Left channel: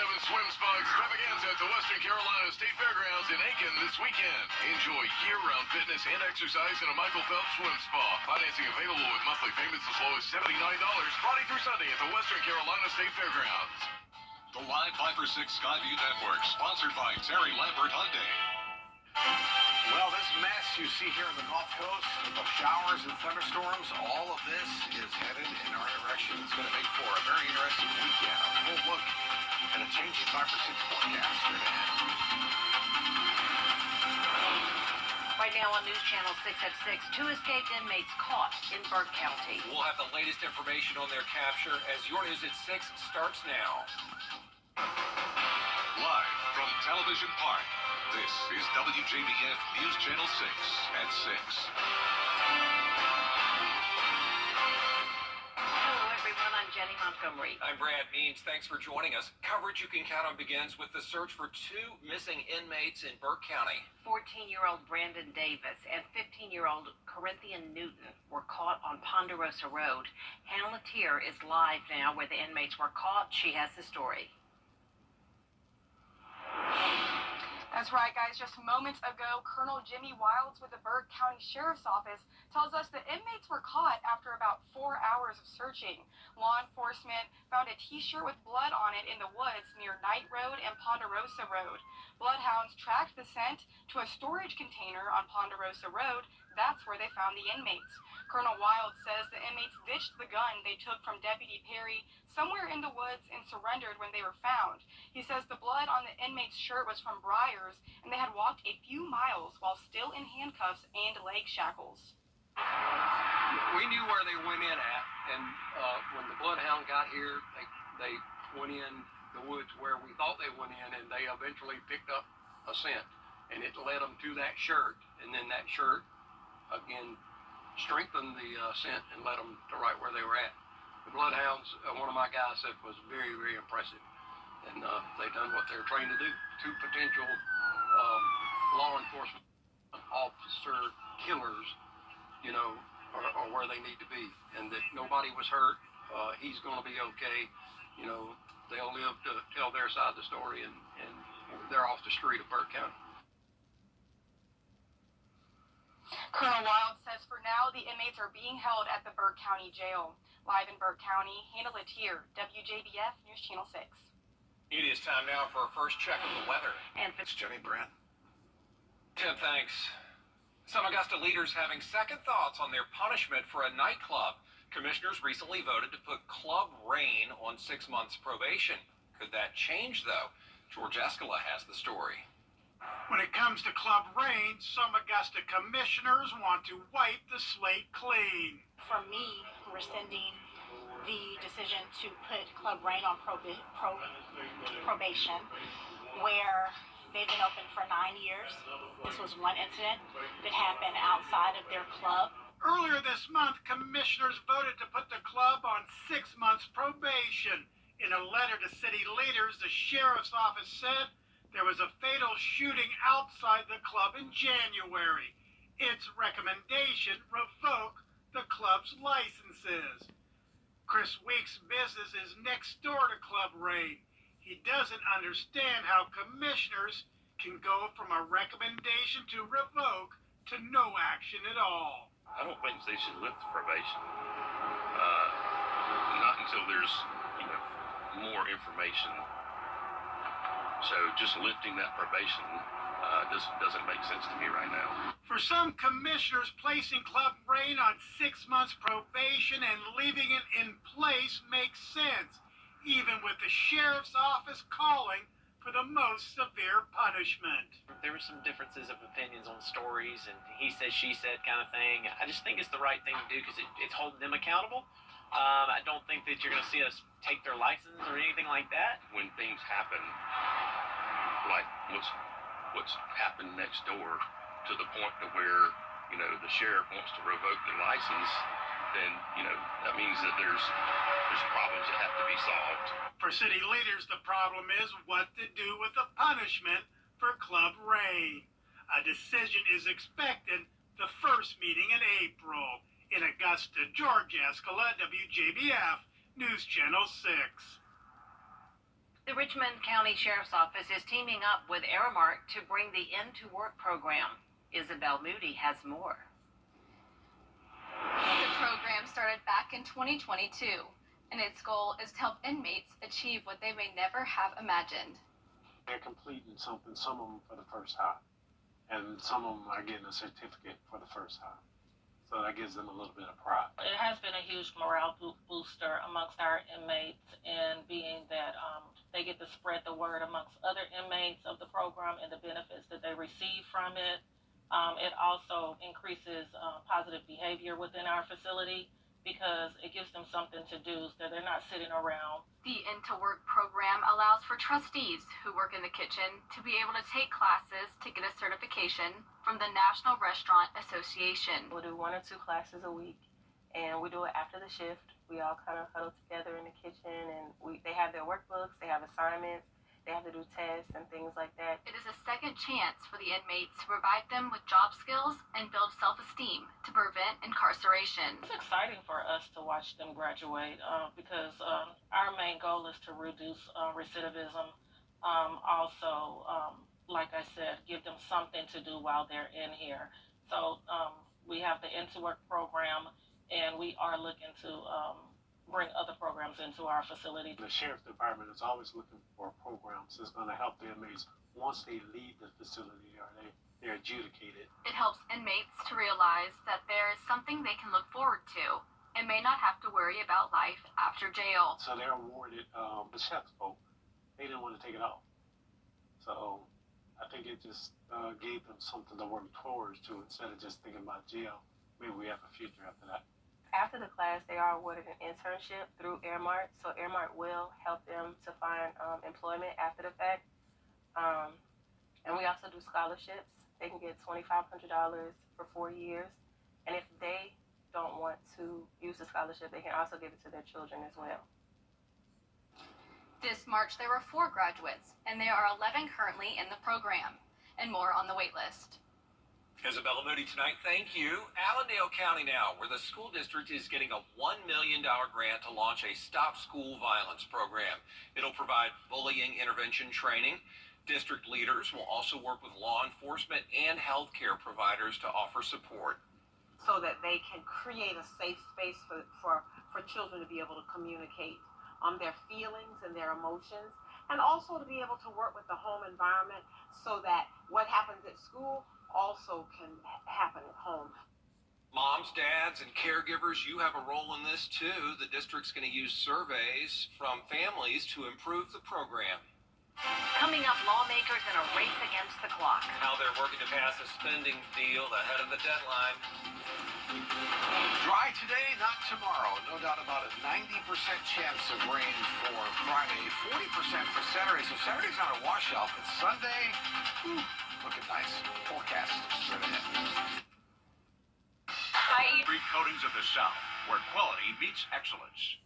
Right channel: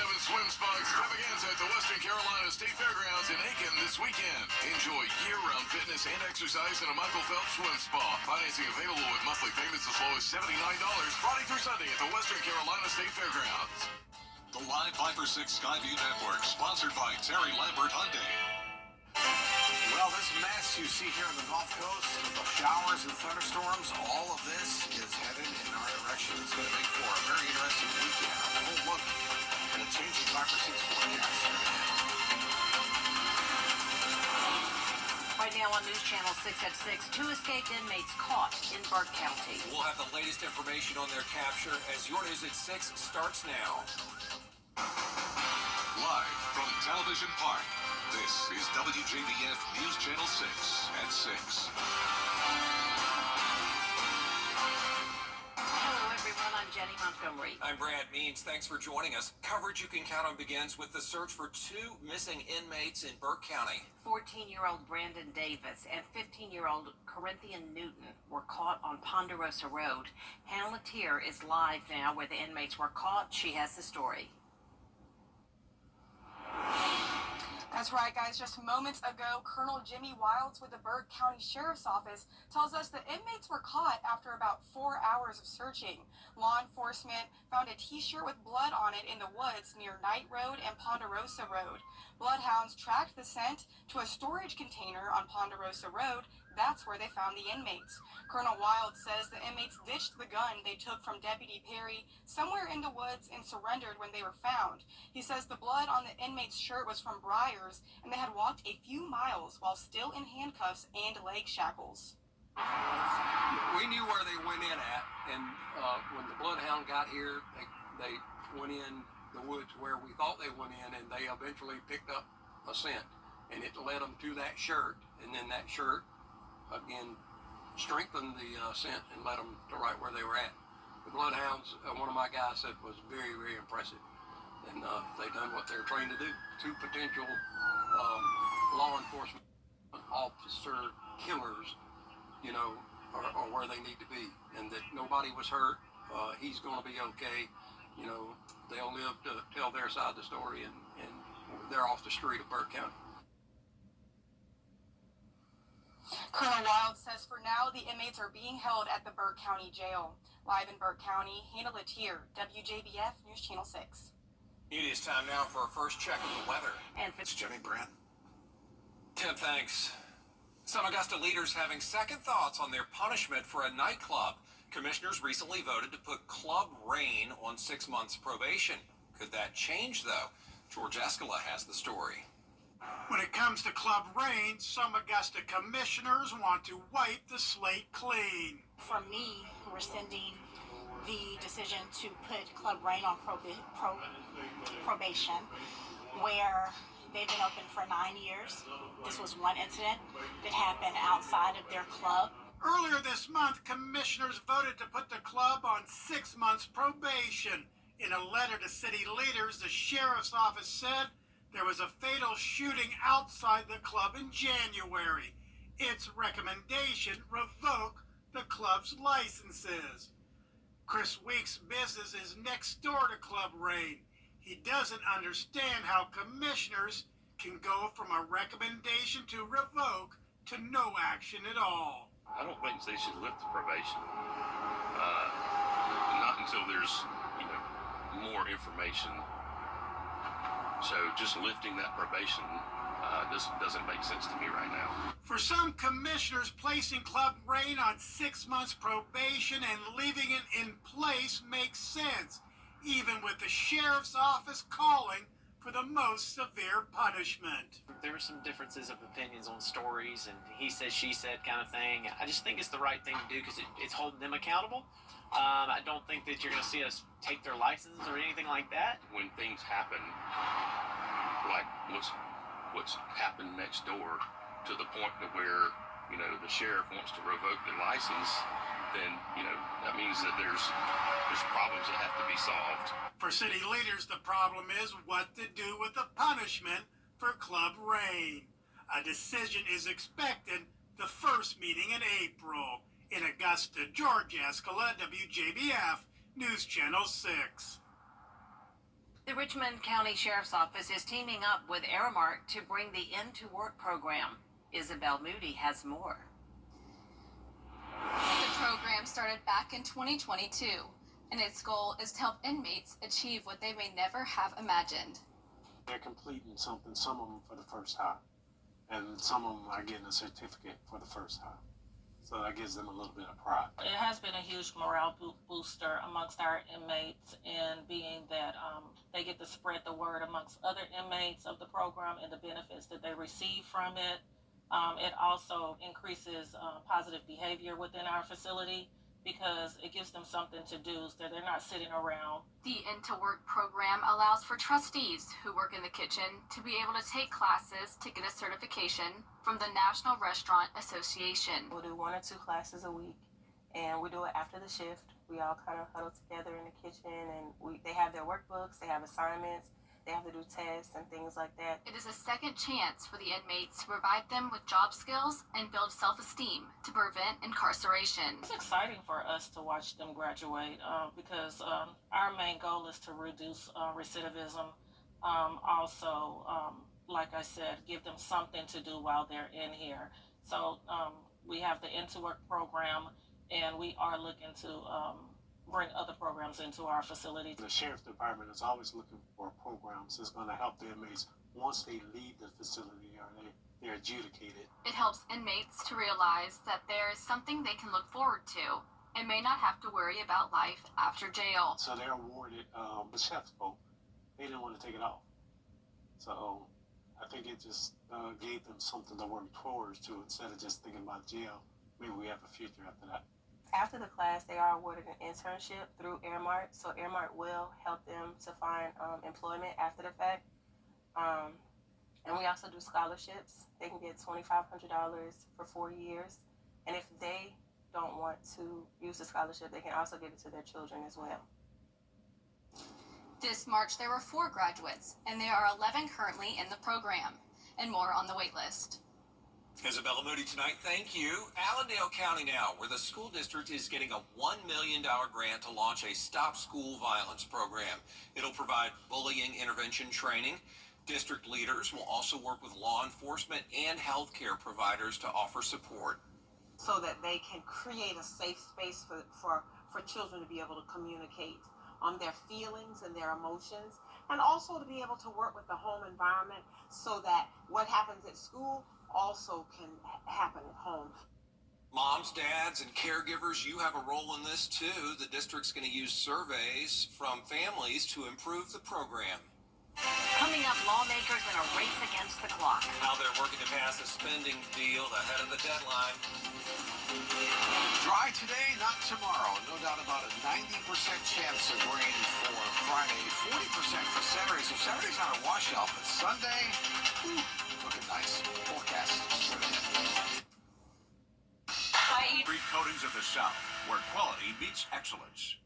Swim Spa Extravaganza at the Western Carolina State Fairgrounds in Aiken this weekend. Enjoy year-round fitness and exercise in a Michael Phelps Swim Spa. Financing available with monthly payments as low as $79 Friday through Sunday at the Western Carolina State Fairgrounds. The Live 5 for 6 Skyview Network, sponsored by Terry Lambert Hyundai. Well, this mess you see here on the Gulf Coast with the showers and thunderstorms, all of this is headed in our direction. It's going to make for a very interesting weekend. A full look and a changing 5 for 6 forecast straight ahead. Right now on News Channel 6 at 6, 2 escaped inmates caught in Burke County. We'll have the latest information on their capture as your News at 6 starts now. Live from Television Park, this is WJBF News Channel 6 at 6. Hello, everyone. I'm Jenny Montgomery. I'm Brad Means. Thanks for joining us. Coverage you can count on begins with the search for 2 missing inmates in Burke County. 14-year-old Brandon Davis and 15-year-old Corinthian Newton were caught on Ponderosa Road. Hannah Latier is live now where the inmates were caught. She has the story. That's right, guys. Just moments ago, Colonel Jimmy Wilds with the Burke County Sheriff's Office tells us the inmates were caught after about 4 hours of searching. Law enforcement found a T-shirt with blood on it in the woods near Knight Road and Ponderosa Road. Bloodhounds tracked the scent to a storage container on Ponderosa Road. That's where they found the inmates. Colonel Wild says the inmates ditched the gun they took from Deputy Perry somewhere in the woods and surrendered when they were found. He says the blood on the inmate's shirt was from briars, and they had walked a few miles while still in handcuffs and leg shackles. We knew where they went in at, and when the bloodhound got here, they went in the woods where we thought they went in, and they eventually picked up a scent, and it led them to that shirt, and then that shirt again strengthened the scent and led them to right where they were at. The bloodhounds, one of my guys said, was very, very impressive, and they done what they're trained to do. 2 potential law enforcement officer killers, you know, are where they need to be, and that nobody was hurt. He's going to be okay. You know, they'll live to tell their side of the story, and they're off the street of Burke County. Colonel Wild says for now the inmates are being held at the Burke County Jail. Live in Burke County, Hannah Latier, WJBF News Channel 6. It is time now for a first check of the weather. And It's Jenny Brandt. Tim, thanks. Some Augusta leaders having second thoughts on their punishment for a nightclub. Commissioners recently voted to put Club Rain on 6 months probation. Could that change, though? George Escala has the story. When it comes to Club Rain, some Augusta commissioners want to wipe the slate clean. For me, rescinding the decision to put Club Rain on probation, where they've been open for 9 years. This was one incident that happened outside of their club. Earlier this month, commissioners voted to put the club on 6 months probation. In a letter to city leaders, the sheriff's office said there was a fatal shooting outside the club in January. Its recommendation: revoke the club's licenses. Chris Weeks' business is next door to Club Rain. He doesn't understand how commissioners can go from a recommendation to revoke to no action at all. I don't think they should lift the probation. Not until there's, more information. So just lifting that probation doesn't make sense to me right now. For some commissioners, placing Club Rain on 6 months probation and leaving it in place makes sense, even with the sheriff's office calling for the most severe punishment. There were some differences of opinions on stories and he said, she said kind of thing. I just think it's the right thing to do because it's holding them accountable. I don't think that you're going to see us take their license or anything like that. When things happen, like what's happened next door, to the point to where, the sheriff wants to revoke the license, then, that means that there's problems that have to be solved. For city leaders, the problem is what to do with the punishment for Club Rain. A decision is expected the first meeting in April. In Augusta, George Escala, WJBF News Channel 6. The Richmond County Sheriff's Office is teaming up with Aramark to bring the Into Work program. Isabel Moody has more. The program started back in 2022, and its goal is to help inmates achieve what they may never have imagined. They're completing something, some of them for the first time, and some of them are getting a certificate for the first time. So that gives them a little bit of pride. It has been a huge morale booster amongst our inmates, and being that they get to spread the word amongst other inmates of the program and the benefits that they receive from it. It also increases positive behavior within our facility because it gives them something to do so they're not sitting around. The Into Work program allows for trustees who work in the kitchen to be able to take classes to get a certification from the National Restaurant Association. We'll do 1 or 2 classes a week, and we do it after the shift. We all kind of huddle together in the kitchen, and they have their workbooks, they have assignments, they have to do tests and things like that. It is a second chance for the inmates to provide them with job skills and build self-esteem to prevent incarceration. It's exciting for us to watch them graduate because our main goal is to reduce recidivism. Also, like I said, give them something to do while they're in here. So we have the Into Work program, and we are looking to bring other programs into our facility. The Sheriff's Department is always looking for programs that's going to help the inmates once they leave the facility or they're adjudicated. It helps inmates to realize that there is something they can look forward to and may not have to worry about life after jail. So they're awarded the chef's coat. They didn't want to take it off. So I think it just gave them something to work towards to instead of just thinking about jail. Maybe we have a future after that. After the class, they are awarded an internship through Aramark, so Aramark will help them to find employment after the fact. And we also do scholarships. They can get $2,500 for 4 years. And if they don't want to use the scholarship, they can also give it to their children as well. This March, there were 4 graduates, and there are 11 currently in the program, and more on the wait list. Isabella Moody tonight, thank you. Allendale County now, where the school district is getting a $1 million grant to launch a Stop School Violence program. It'll provide bullying intervention training. District leaders will also work with law enforcement and healthcare providers to offer support. So that they can create a safe space for children to be able to communicate on their feelings and their emotions, and also to be able to work with the home environment so that what happens at school also can happen at home. Moms, dads, and caregivers, you have a role in this too. The district's going to use surveys from families to improve the program. Coming up, lawmakers in a race against the clock. How they're working to pass a spending deal ahead of the deadline. Dry today, not tomorrow. No doubt about a 90% chance of rain for Friday, 40% for Saturday. So Saturday's not a washout, but Sunday, looking nice. Forecast straight ahead. Three coatings of the South, where quality meets excellence.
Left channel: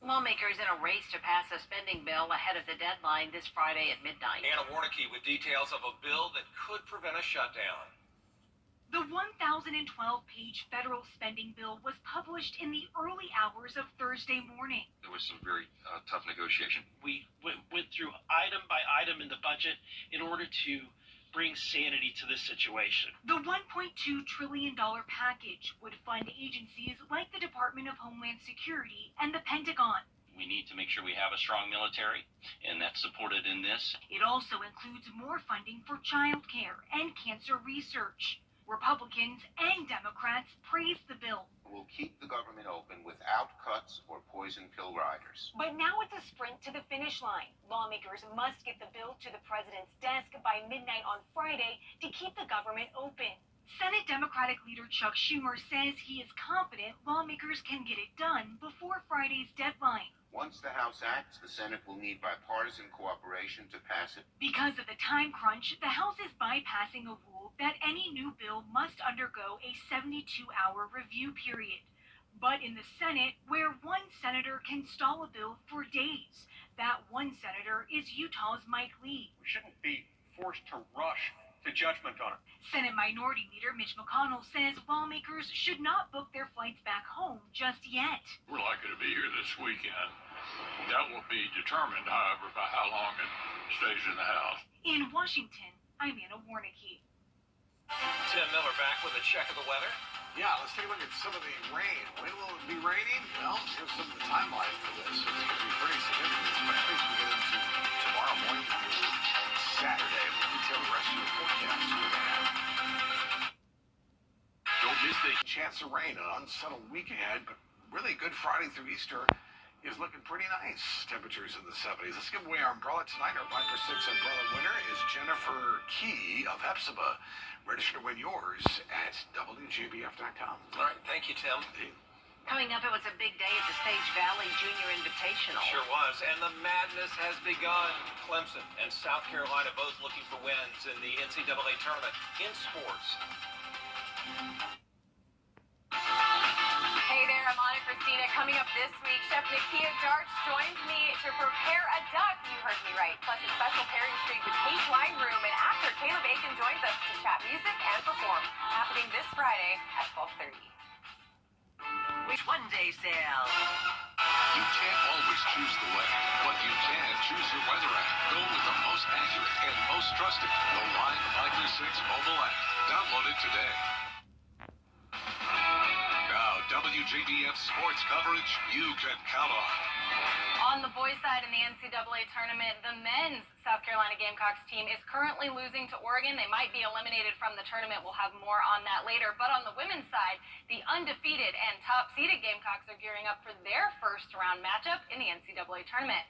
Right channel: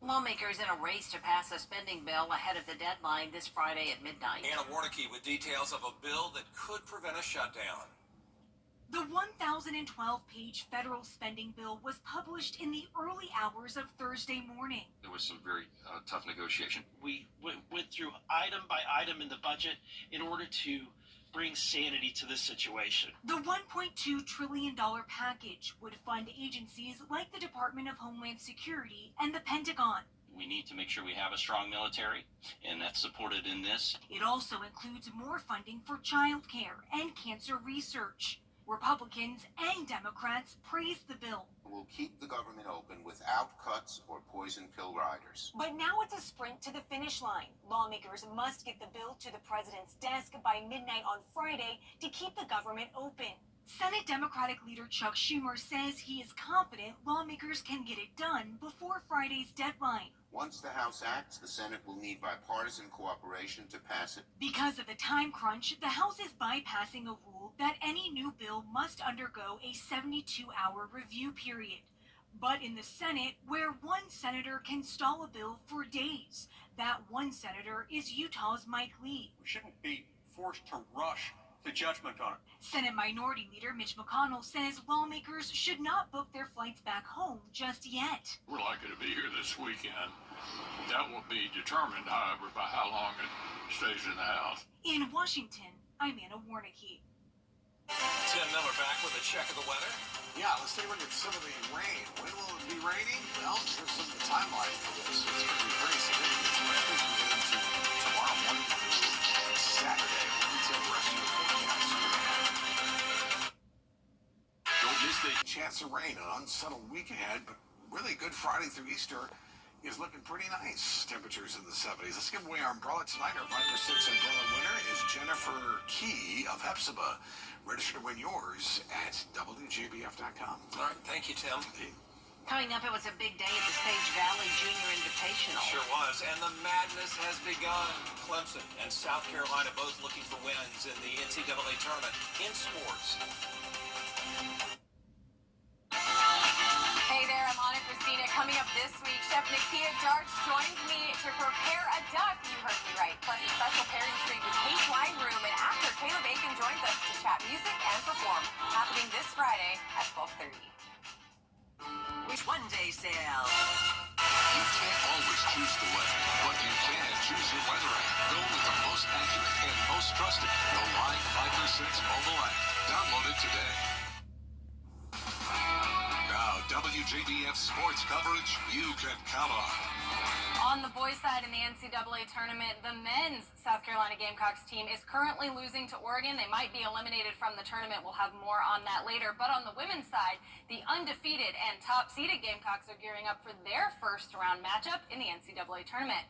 Lawmakers in a race to pass a spending bill ahead of the deadline this Friday at midnight. Anna Warnicki with details of a bill that could prevent a shutdown. The 1,012-page federal spending bill was published in the early hours of Thursday morning. There was some very tough negotiation. We went through item by item in the budget in order to bring sanity to this situation. The $1.2 trillion package would fund agencies like the Department of Homeland Security and the Pentagon. We need to make sure we have a strong military, and that's supported in this. It also includes more funding for child care and cancer research. Republicans and Democrats praised the bill. We'll keep the government open without cuts or poison pill riders. But now it's a sprint to the finish line. Lawmakers must get the bill to the president's desk by midnight on Friday to keep the government open. Senate Democratic leader Chuck Schumer says he is confident lawmakers can get it done before Friday's deadline. Once the House acts, the Senate will need bipartisan cooperation to pass it. Because of the time crunch, the House is bypassing a rule that any new bill must undergo a 72-hour review period. But in the Senate, where one senator can stall a bill for days, that one senator is Utah's Mike Lee. We shouldn't be forced to rush to judgment on it. Senate Minority Leader Mitch McConnell says lawmakers should not book their flights back home just yet. We're likely to be here this weekend. That will be determined, however, by how long it stays in the House. In Washington, I'm Anna Warnicki. Tim Miller back with a check of the weather. Yeah, let's take a look at some of the rain. When will it be raining? Well, here's some of the timeline for this. It's going to be pretty significant, especially as we get into tomorrow morning through Saturday. We'll detail the rest of your forecast. Don't miss the chance of rain. An unsettled week ahead, but really good Friday through Easter is looking pretty nice. Temperatures in the 70s. Let's give away our umbrella tonight. Our Viper 6 umbrella winner is Jennifer Key of Hepzibah. Register to win yours at WJBF.com. All right, thank you, Tim. Coming up, it was a big day at the Sage Valley Junior Invitational. Sure was, and the madness has begun. Clemson and South Carolina both looking for wins in the NCAA tournament in sports. Hey there, I'm Anna Christina. Coming up this week, Chef Nakia Darch joins me to prepare a duck. You heard me right. Plus a special pairing treat with Kate's Wine Room, and actor Caleb Aiken joins us to chat music and perform. Happening this Friday at 12:30. Which one-day sale? You can't always choose the weather, but you can choose your weather app. Go with the most accurate and most trusted, the Live Viper 6 mobile app. Download it today. Now, WJBF sports coverage you can count on. On the boys' side in the NCAA tournament, the men's South Carolina Gamecocks team is currently losing to Oregon. They might be eliminated from the tournament. We'll have more on that later. But on the women's side, the undefeated and top-seeded Gamecocks are gearing up for their first-round matchup in the NCAA tournament.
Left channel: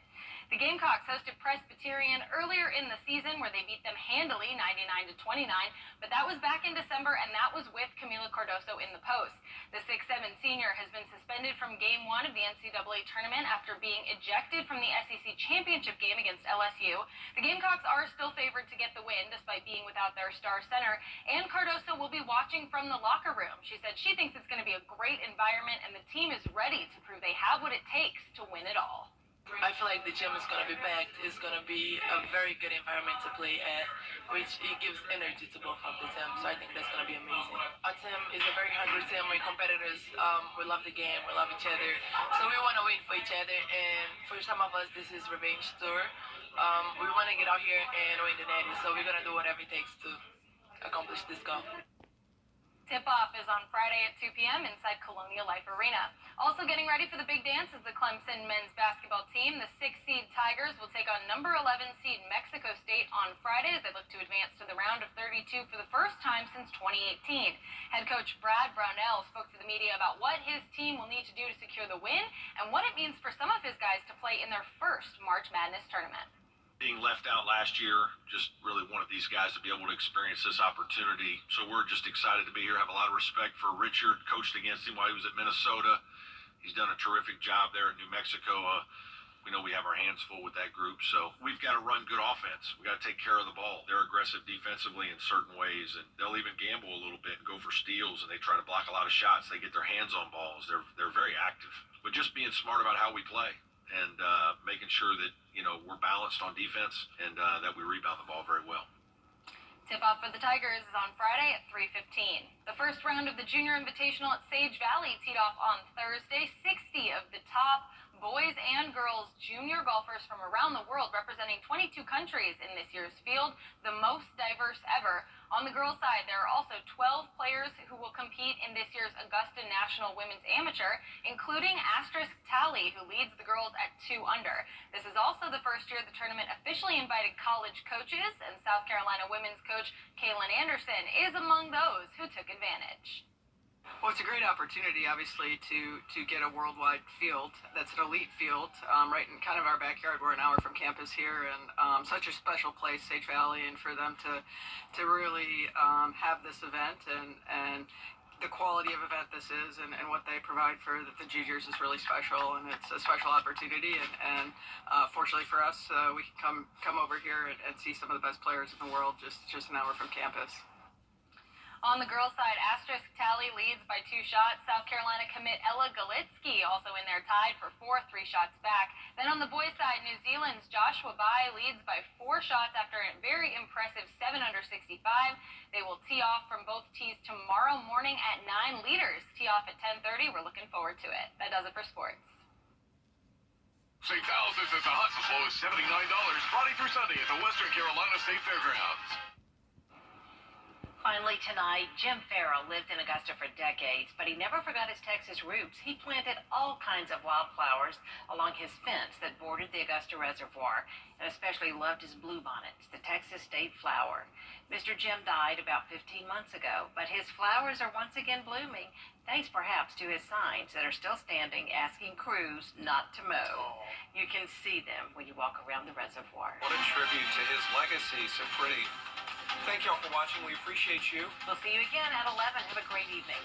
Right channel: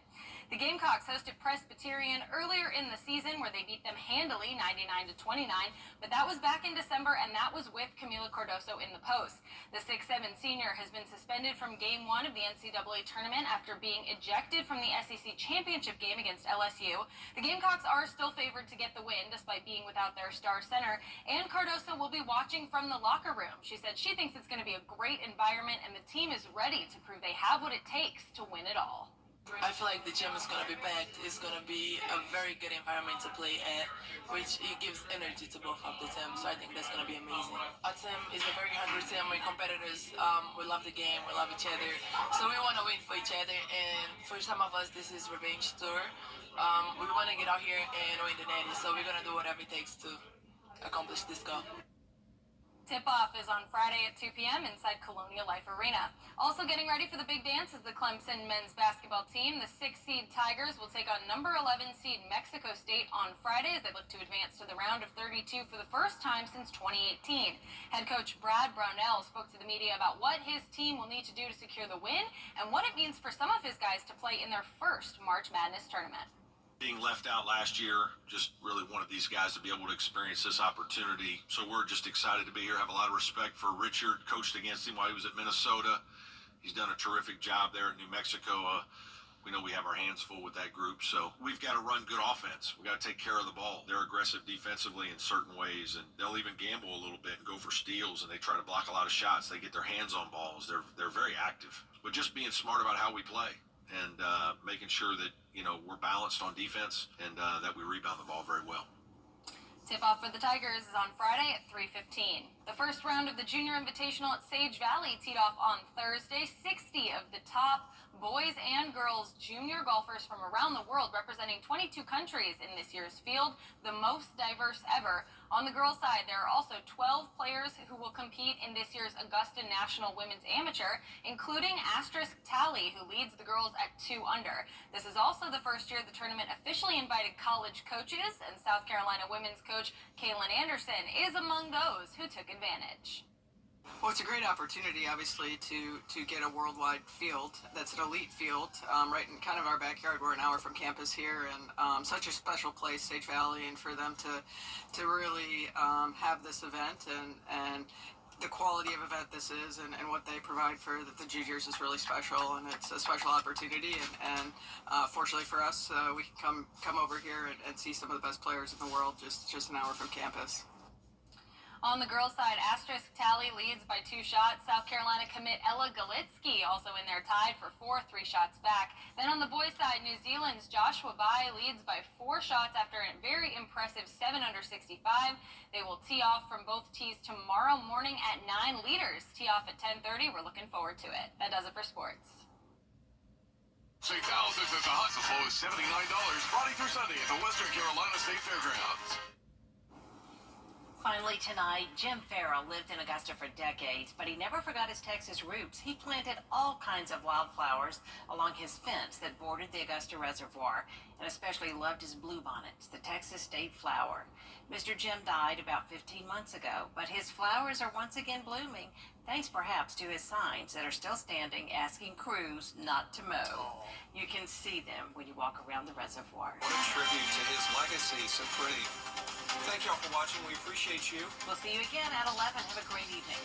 The Gamecocks hosted Presbyterian earlier in the season where they beat them handily, 99-29, but that was back in December, and that was with Camila Cardoso in the post. The 6'7" senior has been suspended from Game 1 of the NCAA tournament after being ejected from the SEC championship game against LSU. The Gamecocks are still favored to get the win despite being without their star center, and Cardoso will be watching from the locker room. She said she thinks it's going to be a great environment, and the team is ready to prove they have what it takes to win it all. I feel like the gym is going to be packed. It's going to be a very good environment to play at, which it gives energy to both of the teams. So I think that's going to be amazing. Our team is a very hungry team. We're competitors. We love the game. We love each other. So we want to win for each other. And for some of us, this is revenge tour. We want to get out here and win the Natty. So we're going to do whatever it takes to accomplish this goal. Tip-off is on Friday at 2 p.m. inside Colonial Life Arena. Also getting ready for the big dance is the Clemson men's basketball team. The 6-seed Tigers will take on number 11 seed Mexico State on Friday as they look to advance to the round of 32 for the first time since 2018. Head coach Brad Brownell spoke to the media about what his team will need to do to secure the win and what it means for some of his guys to play in their first March Madness tournament. Being left out last year, just really wanted these guys to be able to experience this opportunity. So we're just excited to be here. Have a lot of respect for Richard. Coached against him while he was at Minnesota. He's done a terrific job there at New Mexico. We know we have our hands full with that group. So we've got to run good offense. We got to take care of the ball. They're aggressive defensively in certain ways, and they'll even gamble a little bit and go for steals, and they try to block a lot of shots. They get their hands on balls. They're very active. But just being smart about how we play and making sure that we're balanced on defense and that we rebound the ball very well. Tip-off for the Tigers is on Friday at 3:15. The first round of the Junior Invitational at Sage Valley teed off on Thursday. 60 of the top boys and girls junior golfers from around the world representing 22 countries in this year's field, the most diverse ever. On the girls' side, there are also 12 players who will compete in this year's Augusta National Women's Amateur, including Asterisk Talley, who leads the girls at 2 under. This is also the first year the tournament officially invited college coaches, and South Carolina women's coach Kaylin Anderson is among those who took advantage. Well, it's a great opportunity, obviously, to get a worldwide field that's an elite field right in kind of our backyard. We're an hour from campus here, and such a special place, Sage Valley, and for them to really have this event and the quality of event this is and what they provide for the juniors is really special, and it's a special opportunity. And fortunately for us, we can come over here and see some of the best players in the world just an hour from campus. On the girls' side, Asterisk Tally leads by 2 shots. South Carolina commit Ella Galitsky also in there tied for 4th, 3 shots back. Then on the boys' side, New Zealand's Joshua Bai leads by 4 shots after a very impressive 7 under 65. They will tee off from both tees tomorrow morning at 9. Leaders tee off at 10:30. We're looking forward to it. That does it for sports. Save thousands at the huts as low as $79 Friday through Sunday at the Western Carolina State Fairgrounds. Finally tonight, Jim Farrell lived in Augusta for decades, but he never forgot his Texas roots. He planted all kinds of wildflowers along his fence that bordered the Augusta Reservoir, and especially loved his bluebonnets, the Texas state flower. Mr. Jim died about 15 months ago, but his flowers are once again blooming, thanks perhaps to his signs that are still standing asking crews not to mow. You can see them when you walk around the reservoir. What a tribute to his legacy. So pretty. Thank y'all for watching. We appreciate you. We'll see you again at 11. Have a great evening.